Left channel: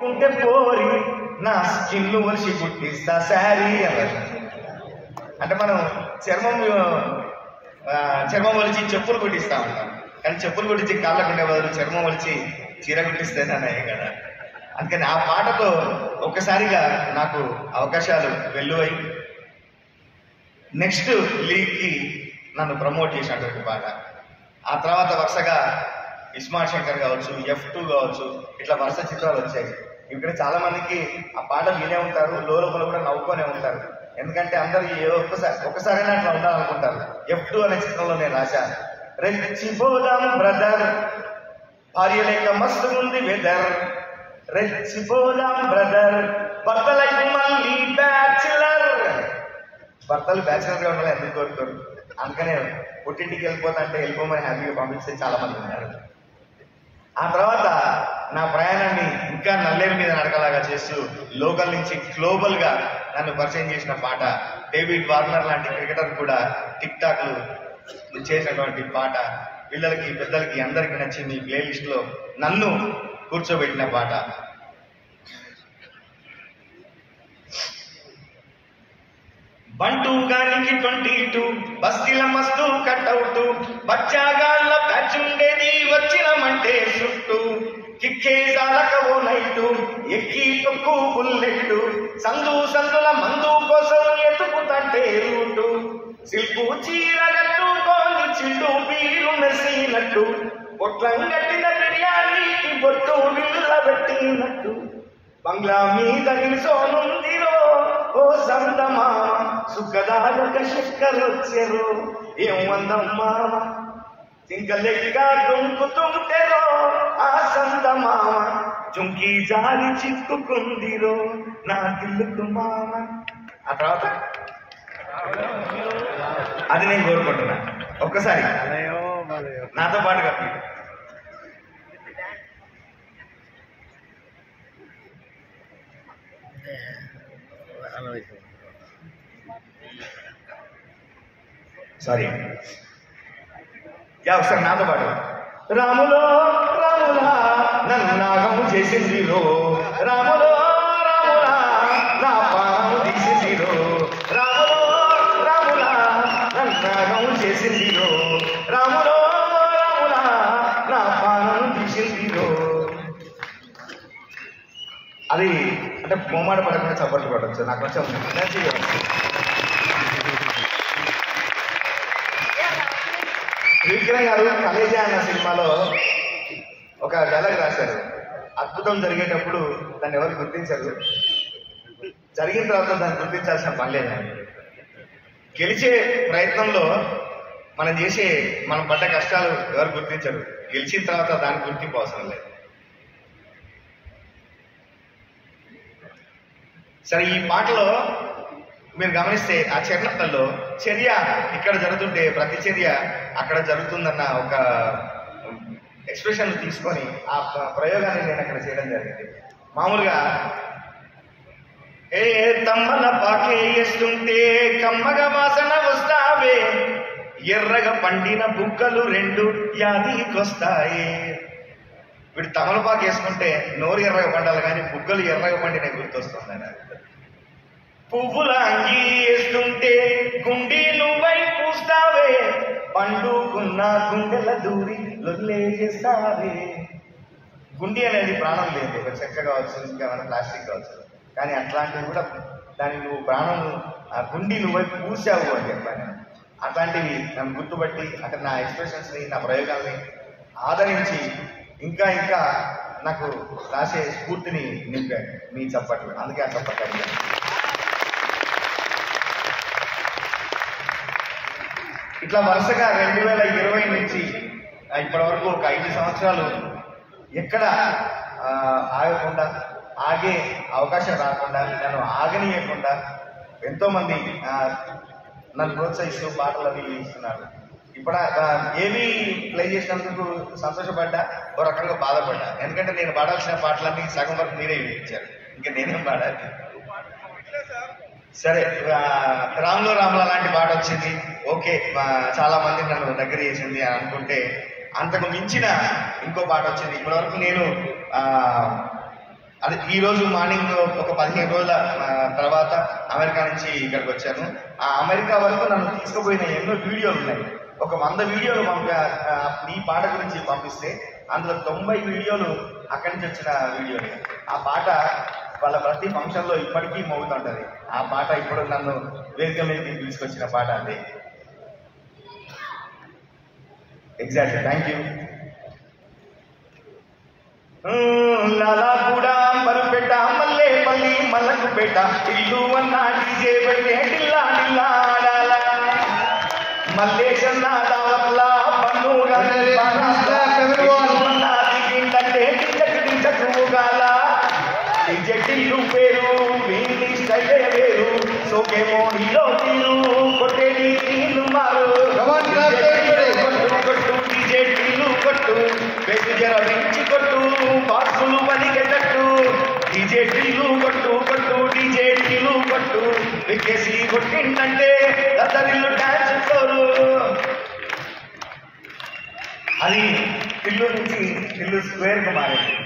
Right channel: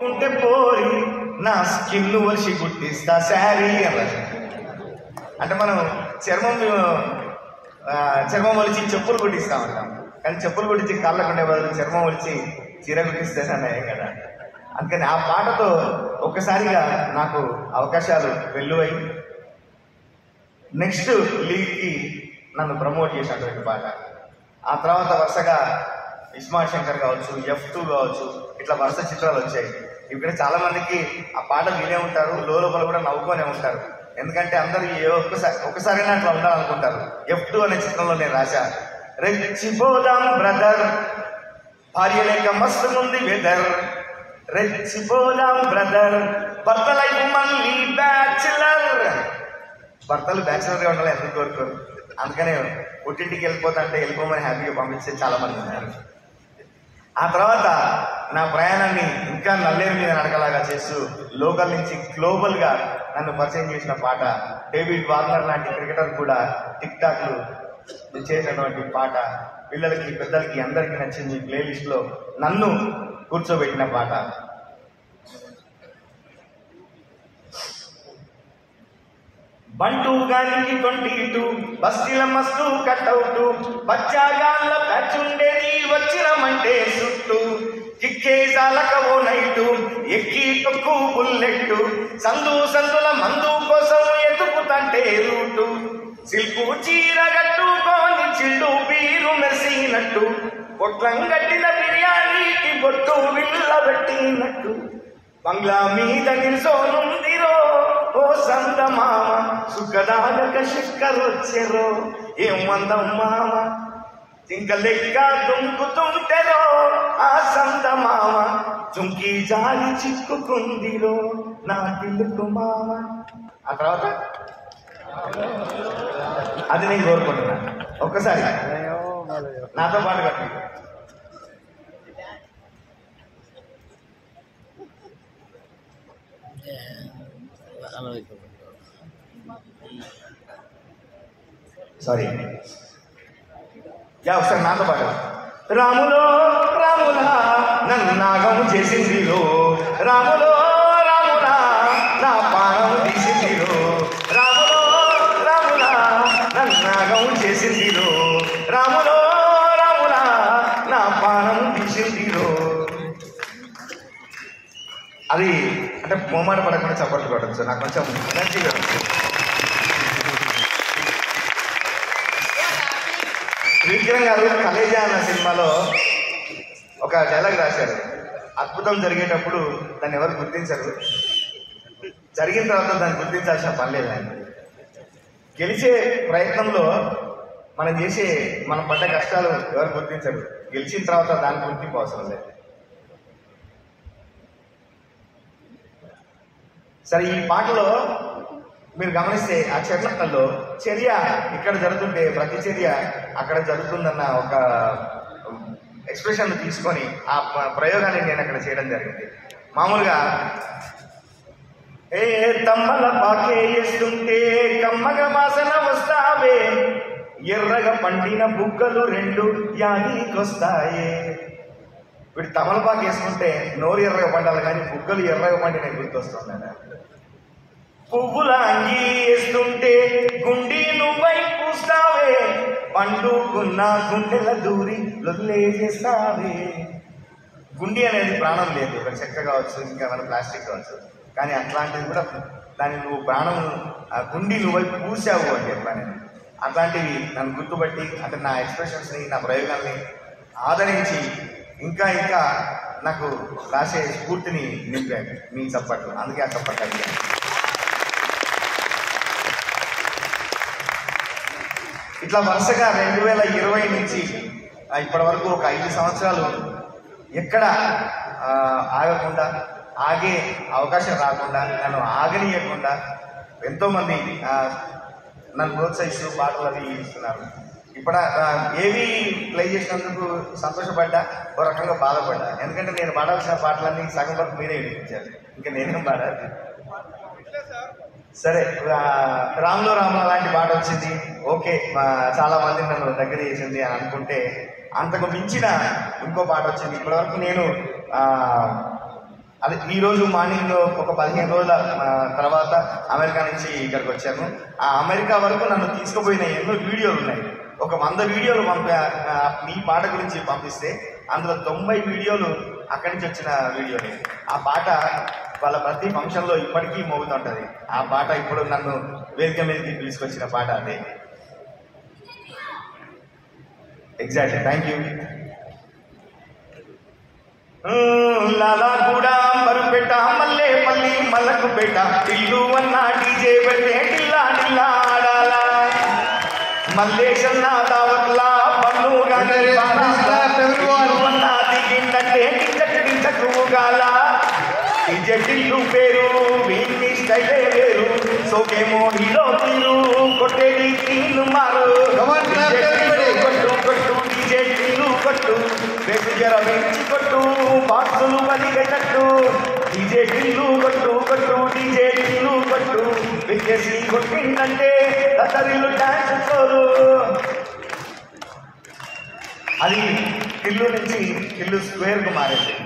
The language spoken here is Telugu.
ఉంటే పోరి నా స్కిన్ వచ్చి గుర్తిస్తా శారీ అన్నారు. అంటే మనం చర్మం ఒలిచి చెప్పులు కుట్టిస్తా ఉంటాం, కానీ చెప్పులు కుట్టించి కాళ్ళకు ఉండే బదులు చర్మం ఒలిచి చీర కుట్టిస్తేనే కదా. అందుకని ఆ పాటతో ఒక్కసారిగా నాకు అవకాశాలు వెల్లువై నెక్స్ట్ లీగ్కి నన్ను ప్రమోట్ చేసినటువంటి పాట. ఆ తర్వాత వరుసగా ఇస్మార్ట్ శంకర్ కావచ్చు, F2 కావచ్చు, ఇట్లా వరుస చిత్రాలు వచ్చాయి. ఇక్కడ చాలా మందికి ఆ పాట వినే ఉంటారు, లోపల కూడా నవ్వుకొనే ఉంటారు. ఎందుకంటే అందరూ ఒక్కసారైనా అట్లా ఉండాలనుకుంటారు. F2 అనే చిత్రంలో నేను రాశా, రెచ్చిపోదాం బ్రదర్, భార్య లేక మస్తు ముందు వెదర్, రెచ్చిపోదాం బ్రదర్, భర్తలై మళ్ళీ బ్యాచులర్. భర్తలు బ్యాచులర్గా ఉండాలి ఎందుకు కోరుకోరు. అందుకనే పుట్టింటికి వెళ్ళిపోతా అంటే వెళ్ళిపోమని హ్యాపీగా పంపించే చాలా మంది ఉన్నారు. ఆ తర్వాత నా ప్రయాణాన్ని ఇంకా నల్లేరు మీద నడకలాగా చేస్తూ లోకల్ నుంచి గ్లోబల్గా నన్ను పరిచయం చేసిన పాట, డేవిడ్ వార్నర్ లాంటి క్రికెటర్ కూడా టిక్ టాక్లు చేసినటువంటి పాట, పిల్లలకి పెద్దలకి అందరికీ నచ్చింది. ఈ ప్లేలిస్ట్లో నన్ను కూర్చోబెట్టిన పాట. బంటూ గానికి 22 బస్తీల మస్తు కట్అవుట్, బచ్చాగాళ్ళ బ్యాచ్ ఉండేది వచ్చినమంటే సుట్టు, కిక్కేసాలకవో నైటు ఎక్కి తొక్కు బుల్లెట్టు, సందుల మందు కోసం ఎతుకుతంటే రూటు, సిల్కు చీర కట్టుకొని చిల్లు బీరు మెసినట్టు, పొట్లం కట్టిన బిర్యానీకి బొట్టు విల్లబెట్టినట్టు, బంగ్లా మీద నిల్సోనుందిరో ఓ సందమామ, సుఖదాగక శక్కరొచ్చెరో ఏం వందం మామ, చింక లెక్క దుంకుతుంటెరో ఆ సందమామ, చుంకి జాలి చిక్కుకుందిరో నా పిల్లుకు మామ. ఆ తర్వాత అది నేను కోరుకుంటున్నా. ఒక్కసారి నాతో పాటు కట్టి సారీ ఒకసారి నాతో పాటు. రాములో రాములా నన్ను నాగం చేసింది రో, రాములో రాములా నా పానం తీసింది రో, రాములో రాములా నన్ను నాగం చేసింది రో, రాములో రాములా నా పానం తీసింది రో. అది అంటే మొమ్మాట పడకుండా చప్పట్లు పడచ్చు, నాకు కొంచెం మంచిగా. శ్రీకిరణ్ గారు కలేజా అన్న సినిమాలో ఒక డైలాగ్ రాశారు, అద్భుతం జరిగేటప్పుడు దాన్ని ఎవరు గుర్తించరు, జరిగిన తర్వాత దాన్ని గుర్తించాల్సిన పని లేదని. గెలిచే ప్రయత్నంలో మనం పడ్డ కష్టాలు ఎవరు గుర్తించరు, గెలిచిన తర్వాత దాని గుర్తింపు అవసరం లేదు. సరే, ఈ పాటలో మీరు గమనిస్తే ఆ చర్యలో చర్య ఇక్కడ జరుగుతుంటే ప్రతి చర్య అక్కడ జరుగుతుందన్న ఒక ఎక్స్ప్రెషన్ తీసుకొని ఆ ప్రయోగాన్ని నేను అక్కడ చేయడం జరిగింది. మామూలుగా ఏ తమ్మల పాకే వేస్తుంటే కమ్మగ వాసన వస్తావే, ఎర్రగా పండిన బుగ్గలు 2 యాదికొస్తాయి. వీడు తమలపాకు వేసుకుంటే నోరు ఎర్రగా పండాలి కానీ బుగ్గలు ఎర్రగా పండిన గుర్తొస్తుందట. పువ్వుల అంగి వేస్తుంటే గుండి నువ్వై పూస్తావే, పండుకున్న గుండెల దూరి లొల్లే చేస్తావే. గుండి అనేది ప్రాణం లేదు, ఒక చెక్క కావచ్చు, ఇంకేమైనా ప్లాస్టిక్ కావచ్చు, కానీ అట్లాంటివి కూడా దాన్ని నువ్వు ప్రాణం గుండి నువ్వై పూసావు అని చెప్పాను. అట్లాంటివి నన్ను గుర్తుపట్టి అక్కడ నా ఎక్స్ప్రెషన్స్ని, నా ప్రయోగాల్ని ఆదరించి ఇంకా ఇంకా నాకు రాసే స్ఫూర్తిని నింపాను మీ చప్పట్లు. అందుకే ఆ చప్పట్లు. ఇట్లా వరుసగా 2020 నుంచి ఇప్పటి వరకు ఒక 5 సంవత్సరాలు ఎక్కడ ఆగకుండా, ఆగే అవకాశం రాకుండా, నన్ను ఆగనీయకుండా ఎంతోమంది నన్ను ప్రోత్సహిస్తూ పాటలు అవి ఇస్తున్నారు. ఇప్పుడు ఏవి ప్లే చేసినందుకు సంతోషపడ్డా, ఓ రకంగా బాధపడ్డా. ఎందుకంటే నేను పాడాల్సిన పాటలన్నీ సగం వరకు మీరే వినిపించారు, ఇంకా నేనేం పాడాలి. సరే, రాములో రాముల లాంటి పాట వచ్చింది, ఓకే, చాలా మంది నన్ను దగ్గర చేసింది అని అనుకుంటే అంతకు మించిన ఇంకో పాట వచ్చింది. ఇప్పటివరకు నేను అది ఈరోజు మార్నింగ్ ఒక 15 రోజుల తర్వాత అమెరికా నుంచి ఇక్కడికి వచ్చాను. ఆ అమెరికా వరకు నన్ను తీసుకుపోయిన ఎన్నో వీడియోలు ఉన్నాయి. ఒక 100 వీడియోలు మీ పాట గురించి పంపిస్తే అందులో 90 వీడియోలు అక్కడి నుంచి వచ్చిన వీడియోలు. ఆ పాట వాళ్ళ ప్రతి ఫంక్షన్లో ఇప్పటికీ మోగుతుంటుంది. ఆ పాట ఇప్పుడు నన్ను వేదిక మీదకి తీసుకొచ్చిన పాట అదే. Exactly. Thank you. Lalaguda Marupeta Mallepally Mallakpet ఇల్లు అన్న డీజే పెట్టే టిల్లా టిల్లా ఆడాలా మల్లేశన్న దావత్లా పన్ను దిగిందంటే టించకుగాల డీజే టిల్లు పేరు వీళ్ళి స్టైలే వేరు సోకేమో హీరో తీరు కొట్టేది తీను మారు కొట్టు డీజే టిల్లు కొట్టు బేసు జర వెంచి కొట్టు బాక్సులు పలిగేటట్టు డీజే టిల్లు కొట్టు కొట్టు డీజే టిల్లు కొట్టు వికేసి కొట్టిందంటే దసరిల్లు డాన్స్ ఫ్లోరు. అది టిల్లు నుంచి టిల్లు స్క్వేర్కు మారింది.